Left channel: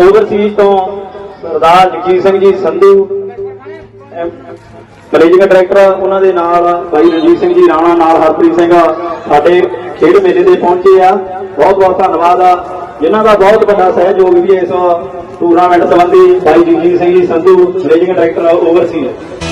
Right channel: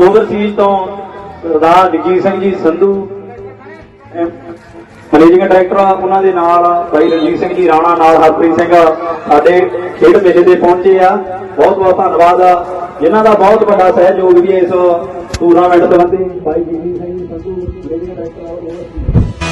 Overseas तो सरदार Jagjit Singh ji Sandhu managing director उन्होंने भाई रणजीत सिंह जी राणा नाल हरप्रीत सिंह साडे खेड मेले से पहुंचे आ बहुत बहुत धन्यवाद आ जिन्हों का बहुत बड़ा सहयोग भी इस टूर्नामेंट संबंधी भाई Jagjit Singh ji Sandhu managing director overseas.